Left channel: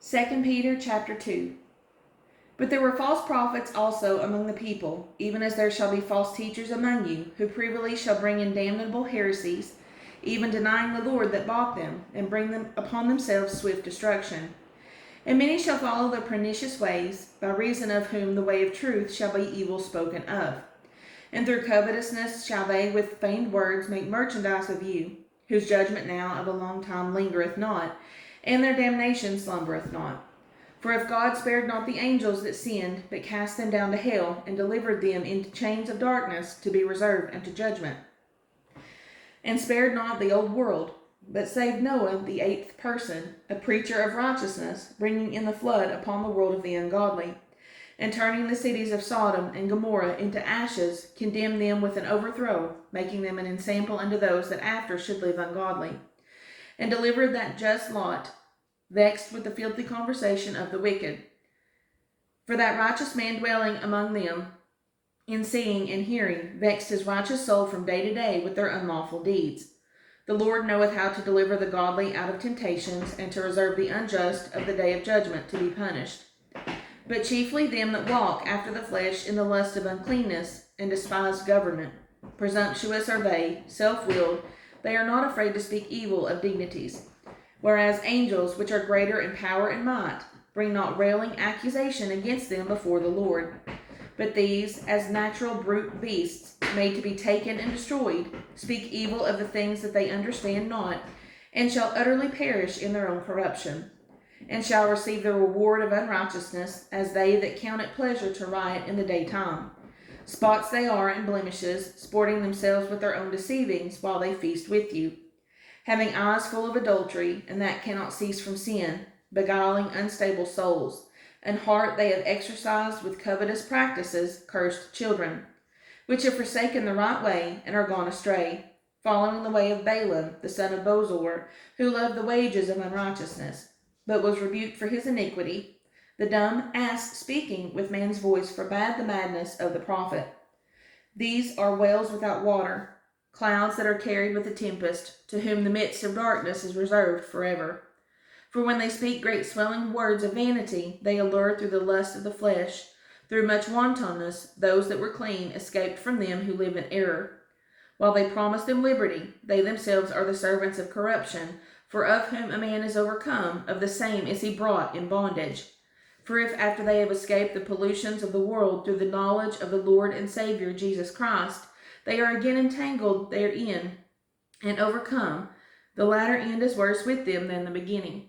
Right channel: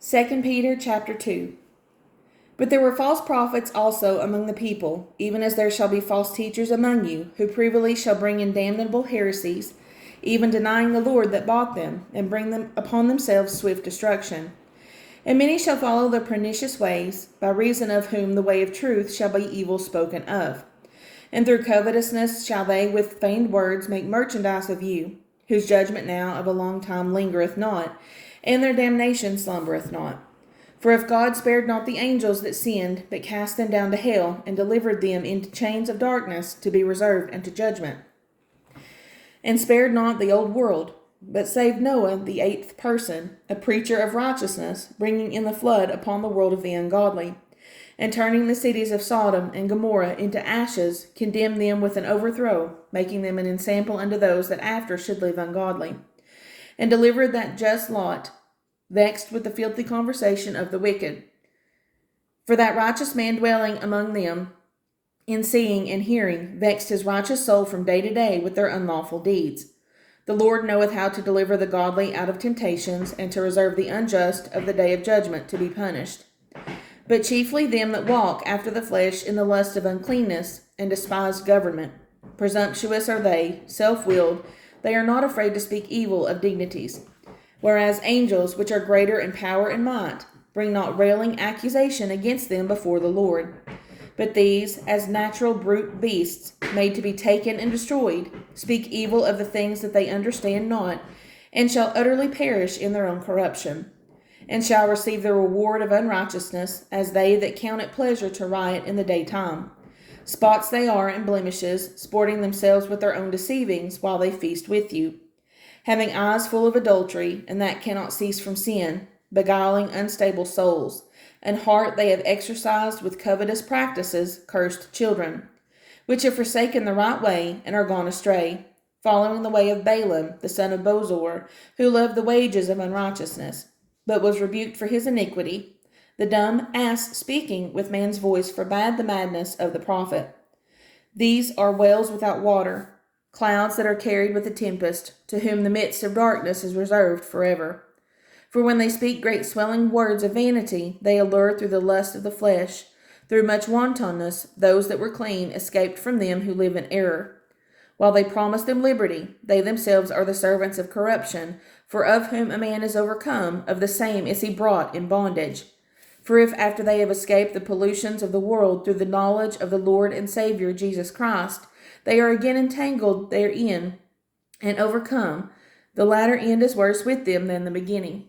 2 Peter chapter 2. But there were false prophets also among the people, even as there shall be false teachers among you, who privily shall bring in damnable heresies, even denying the Lord that bought them, and bring them upon themselves swift destruction. And many shall follow their pernicious ways, by reason of whom the way of truth shall be evil spoken of. And through covetousness shall they with feigned words make merchandise of you, whose judgment now of a long time lingereth not, and their damnation slumbereth not. For if God spared not the angels that sinned, but cast them down to hell, and delivered them into chains of darkness to be reserved unto judgment, and spared not the old world, but saved Noah the eighth person, a preacher of righteousness, bringing in the flood upon the world of the ungodly, and turning the cities of Sodom and Gomorrah into ashes, condemned them with an overthrow, making them an ensample unto those that after should live ungodly, and delivered that just Lot, vexed with the filthy conversation of the wicked. For that righteous man dwelling among them, in seeing and hearing, vexed his righteous soul from day to day with their unlawful deeds. The Lord knoweth how to deliver the godly out of temptations, and to reserve the unjust of the day of judgment to be punished. But chiefly them that walk after the flesh in the lust of uncleanness, and despise government. Presumptuous are they, self-willed, they are not afraid to speak evil of dignities. Whereas angels, which are greater in power and might, bring not railing accusation against them before the Lord. But these, as natural brute beasts, made to be taken and destroyed, speak evil of the things that they understand not, and shall utterly perish in their own corruption, and shall receive the reward of unrighteousness, as they that count it pleasure to riot in the daytime. Spots they are and blemishes, sporting themselves with their own deceivings while they feast with you, having eyes full of adultery, and that cannot cease from sin, beguiling unstable souls, and heart they have exercised with covetous practices, cursed children, which have forsaken the right way, and are gone astray, following the way of Balaam, the son of Bosor, who loved the wages of unrighteousness, but was rebuked for his iniquity. The dumb ass speaking with man's voice forbade the madness of the prophet. These are wells without water, clouds that are carried with a tempest, to whom the midst of darkness is reserved forever. For when they speak great swelling words of vanity, they allure through the lust of the flesh. Through much wantonness, those that were clean escaped from them who live in error. While they promise them liberty, they themselves are the servants of corruption, for of whom a man is overcome, of the same is he brought in bondage. For if after they have escaped the pollutions of the world through the knowledge of the Lord and Savior Jesus Christ, they are again entangled therein and overcome, the latter end is worse with them than the beginning.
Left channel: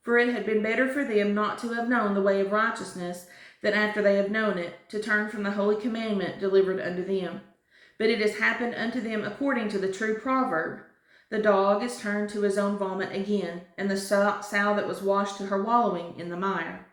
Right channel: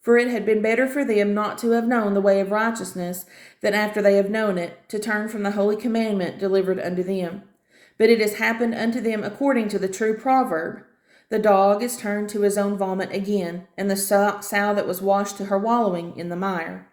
For it had been better for them not to have known the way of righteousness, than after they have known it, to turn from the holy commandment delivered unto them. But it has happened unto them according to the true proverb, the dog is turned to his own vomit again, and the sow that was washed to her wallowing in the mire.